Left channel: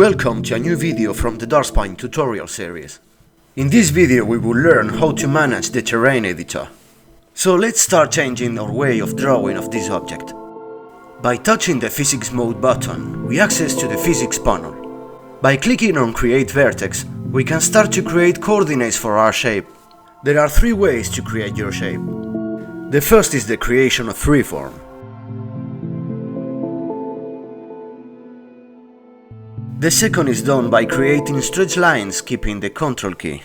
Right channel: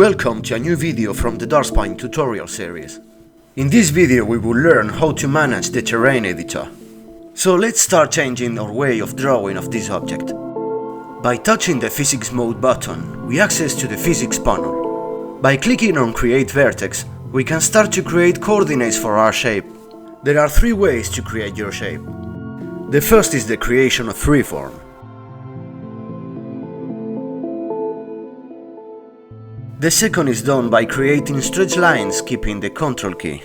Welcome to a new video from the DARKSPINE tutorial series. In this video we will learn how to manage the terrain editor. So let's start changing our way of drawing of this object. By touching the physics mode button, we access to the physics panel. By clicking on create vertex, we can start to create coordinates for our shape. There are three ways to create your shape. The first is the creation of freeform. The second is done by creating stretch lines keeping the Ctrl key.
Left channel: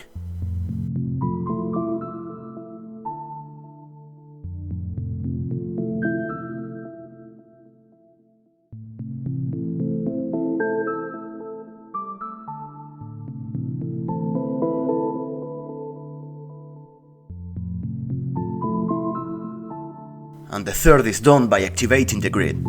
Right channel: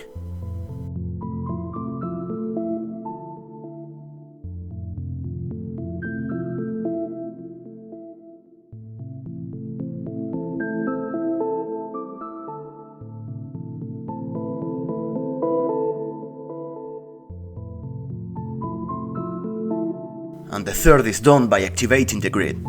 And the third is done by activating the grid.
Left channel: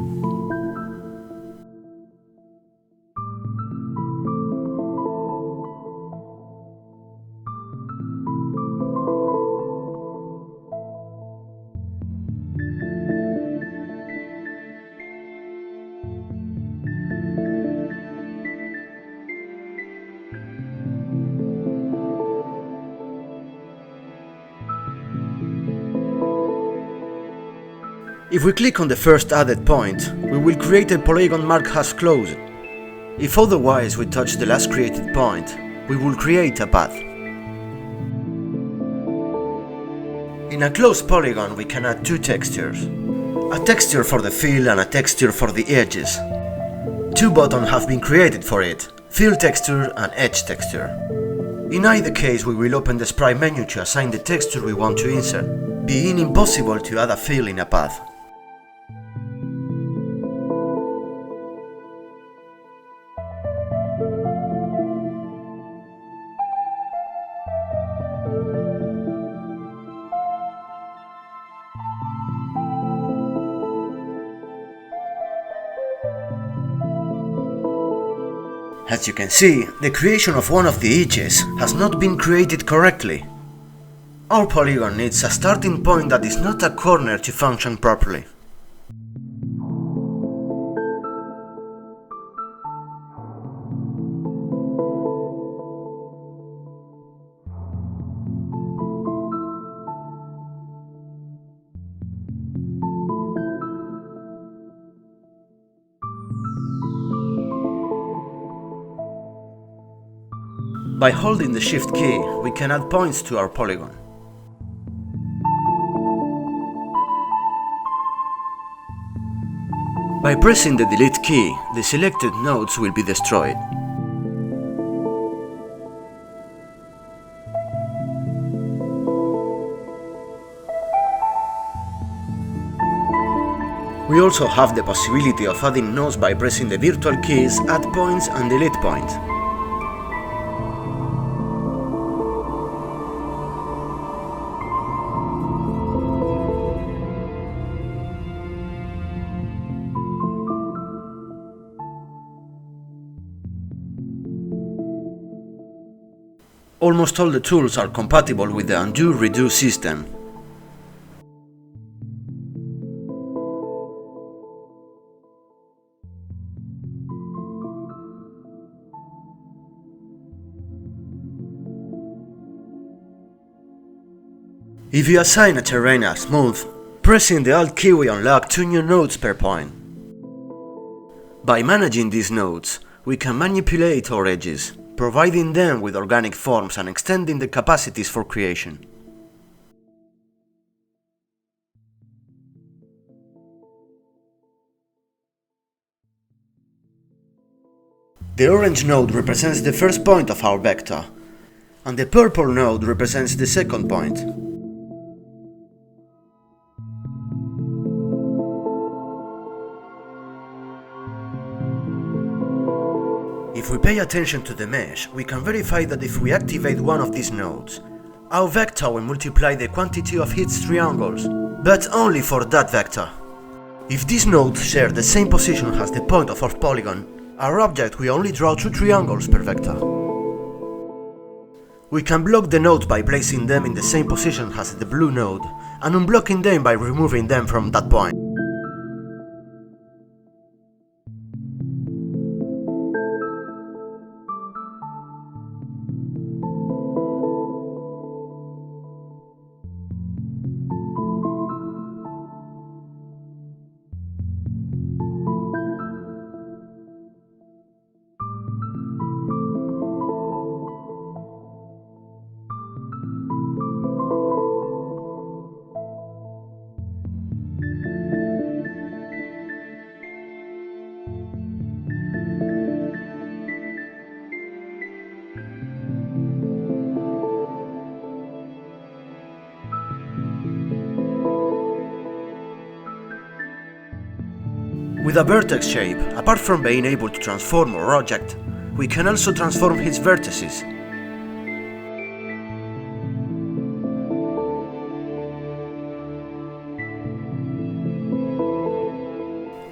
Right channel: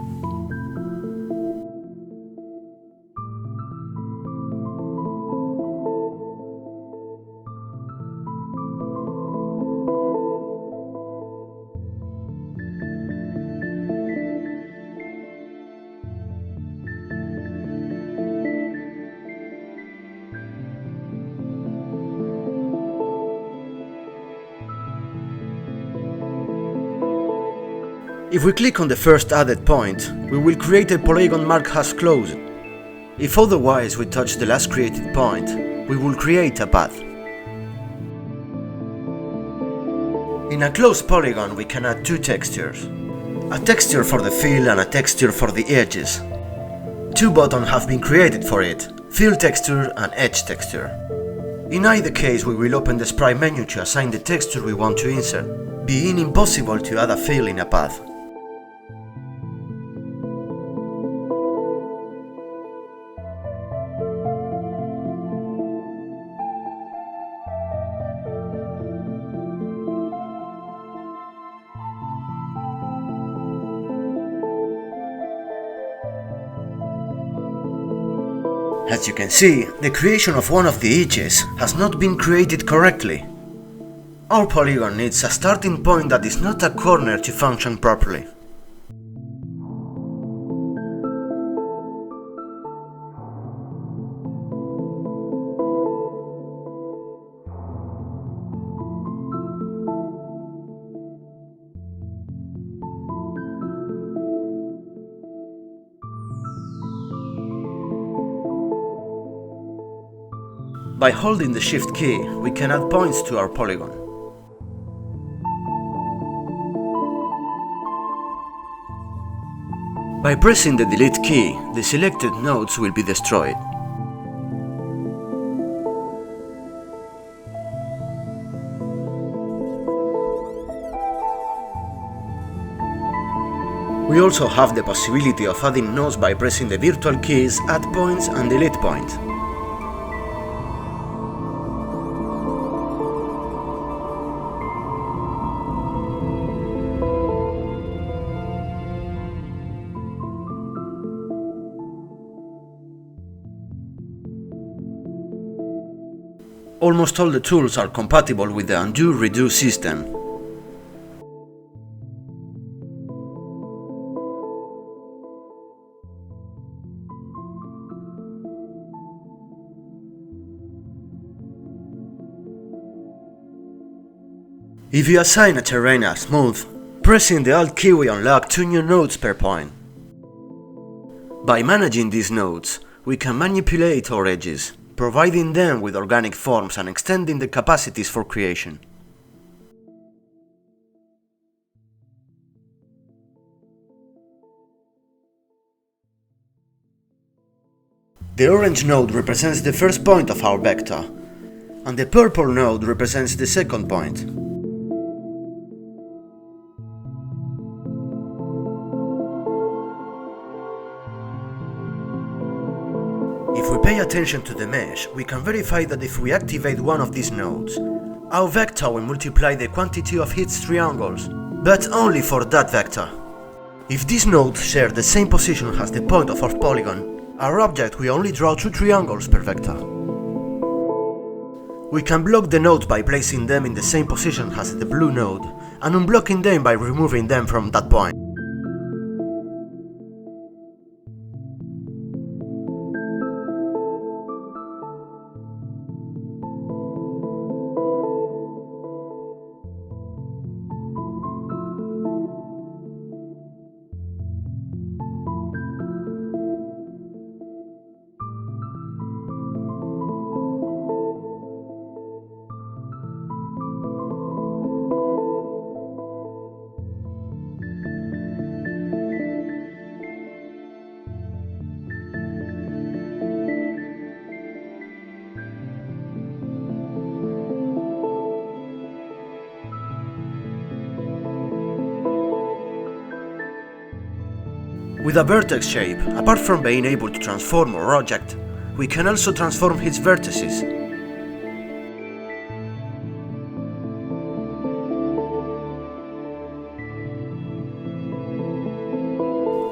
If we click on the first added point, we will create a polygon marked as closed. If otherwise we touch the last created point, we will create a path. In a closed polygon we can add two textures. A texture for the fill and a texture for the edges. Two buttons have been created for it, fill texture and edge texture. In either case we will open the sprite menu to assign the texture we want to insert, being impossible to add a fill in a path. As you can see, the creation of one of the edges has not been created correctly. Our polygon needs a starting point that is not a corner to function properly. By holding the Shift key, we can add points to our polygon. By pressing the Delete key, the selected nodes will be destroyed. We also have the possibility of adding nodes by pressing the virtual keys Add Points and Delete Point. Almost all the tools are compatible with the undo-redo system. If you assign a terrain as smooth, pressing the Alt key will unlock two new nodes per point. By managing these nodes, we can manipulate our edges, providing them with organic forms and extending the capacities for creation. The orange node represents the first point of our vector, and the purple node represents the second point. If we pay attention to the mesh, we can verify that if we activate one of these nodes, our vector will multiply the quantity of its triangles, but only for that vector. If these nodes share the same position as the point of our polygon, our object will only draw two triangles per vector. We can block the nodes by placing them in the same position as the blue node, and unblocking them by removing them from that point. With a vertex shape, apart from being able to transform our object, we can also transform its vertices.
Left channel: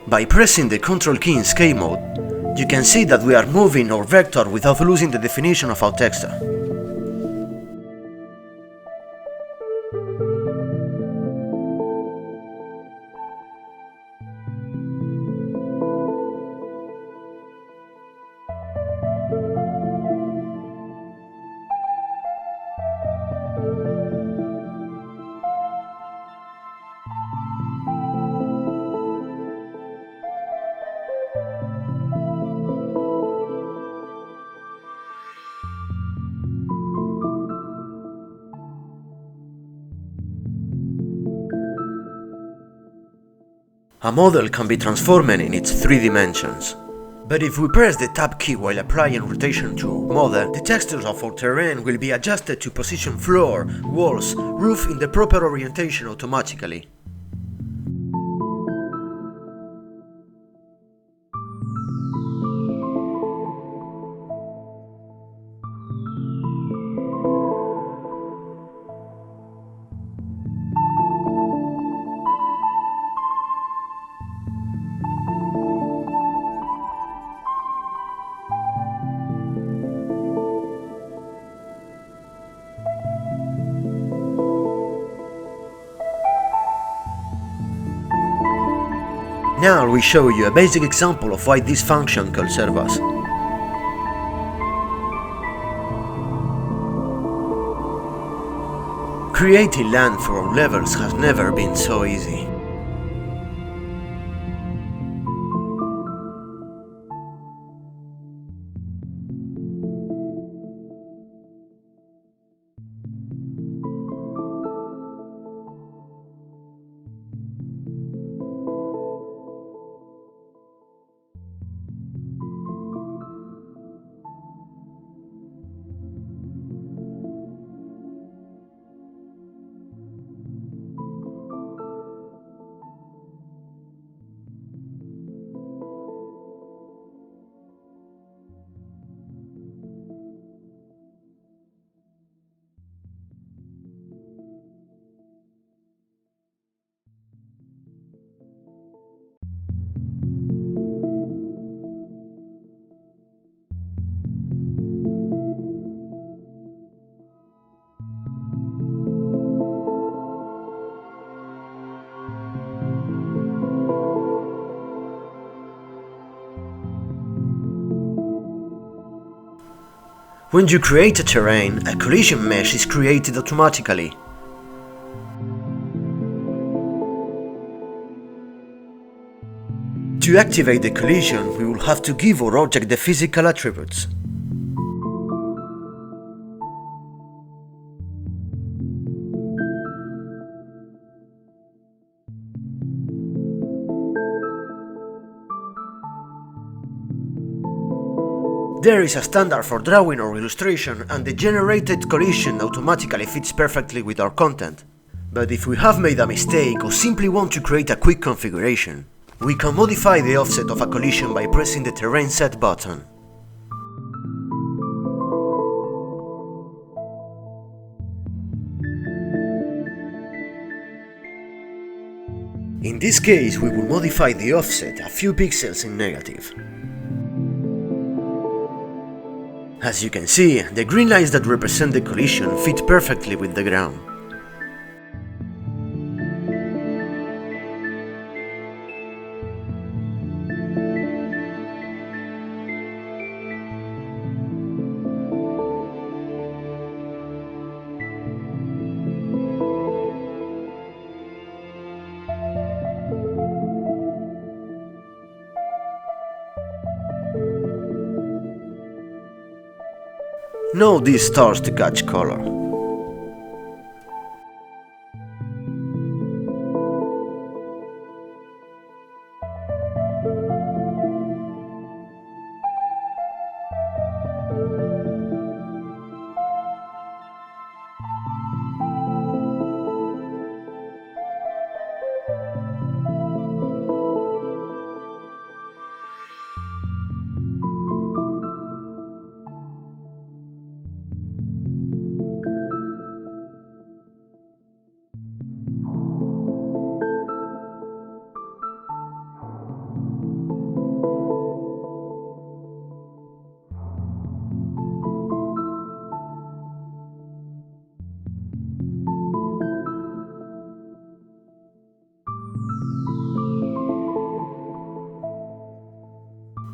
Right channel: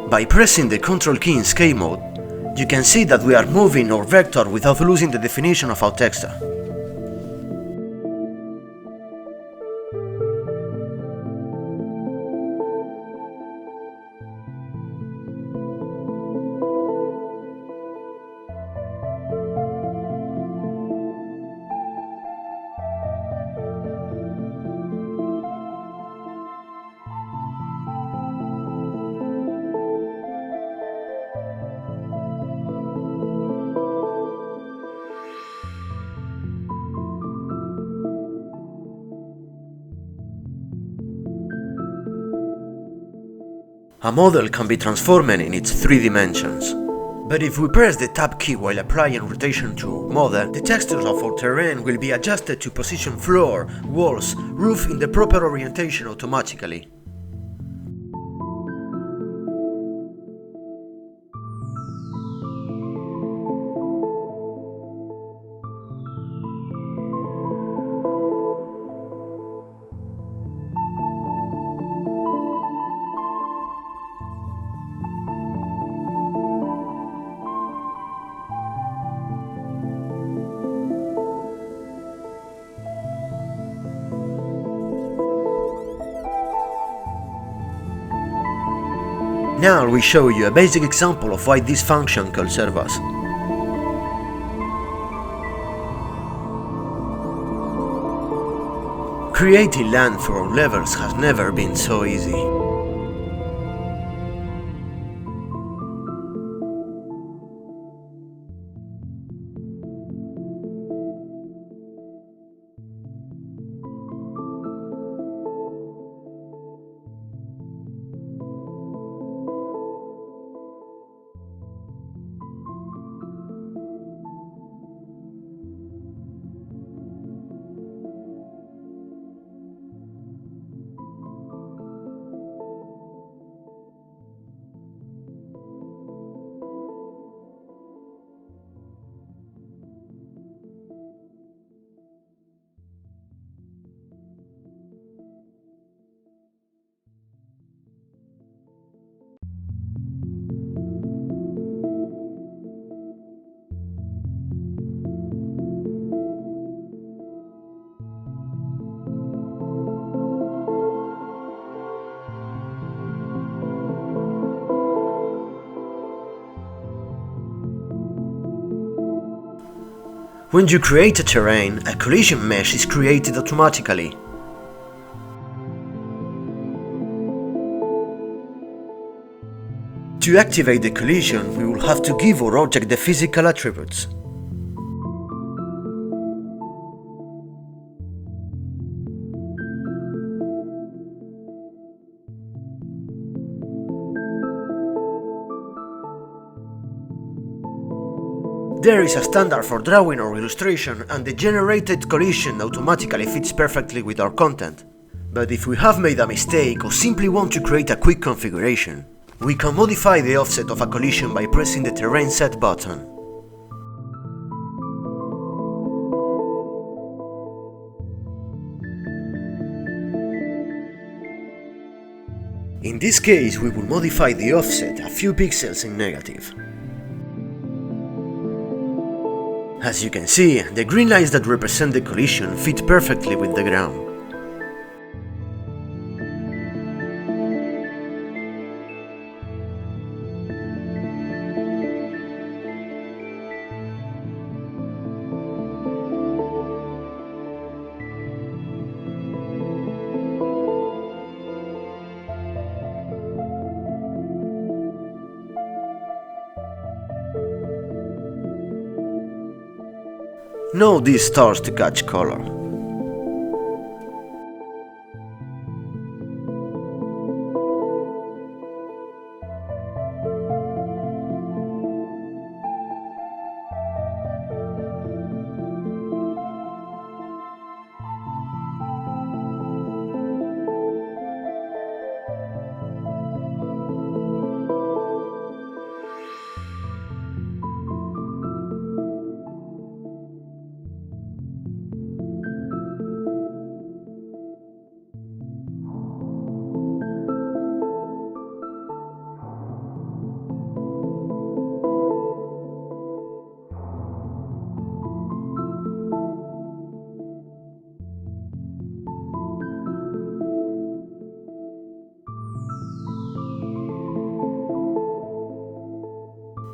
By pressing the Ctrl key in scale mode, you can see that we are moving our vector without losing the definition of our texture. A model can be transformed in its 3 dimensions. But if we press the Tab key while applying rotation to our model, the textures of our terrain will be adjusted to position floor, walls, roof in the proper orientation automatically. Now we show you a basic example of why this function can serve us. Creating land for our levels has never been so easy. When you create a terrain, a collision mesh is created automatically. To activate the collision, we will have to give our object the physical attributes. There is a standard for drawing or illustration, and the generated collision automatically fits perfectly with our content. But if we have made a mistake or simply want to create a quick configuration, we can modify the offset of a collision by pressing the Terrain Set button. In this case, we will modify the offset a few pixels in negative. As you can see, the green lines that represent the collision fit perfectly with the ground. Now this starts to catch color.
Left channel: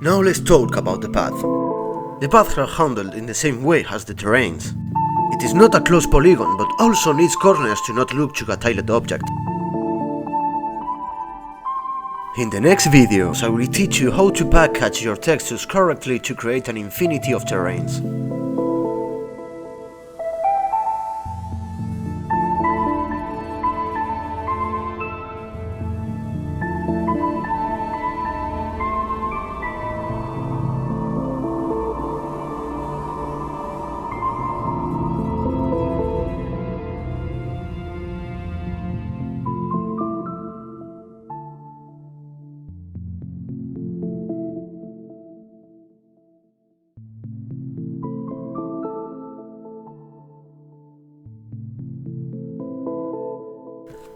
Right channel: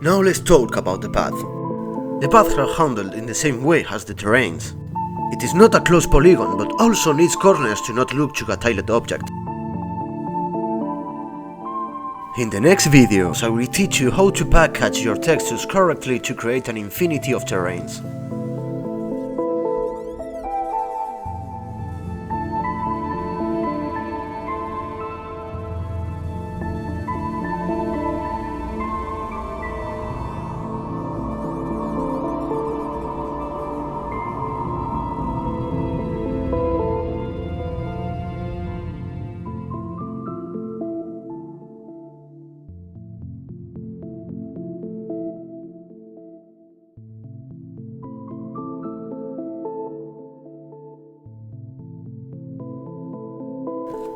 Now let's talk about the path. The paths are handled in the same way as the terrains. It is not a closed polygon, but also needs corners to not look to a tiled object. In the next videos I will teach you how to package your textures correctly to create an infinity of terrains.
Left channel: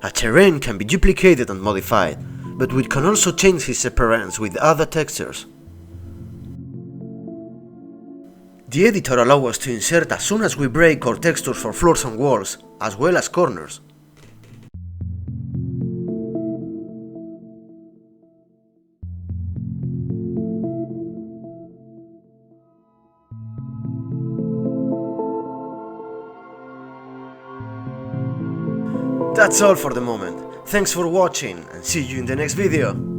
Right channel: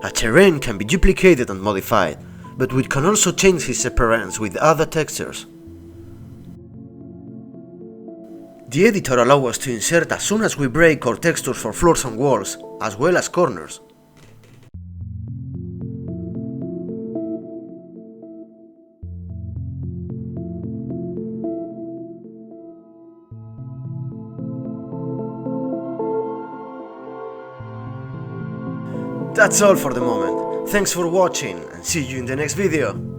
A terrain can be duplicated and modified, but we can also change its appearance with other textures. The editor allows us to insert as soon as we break our textures for floors and walls, as well as corners. That's all for the moment. Thanks for watching and see you in the next video.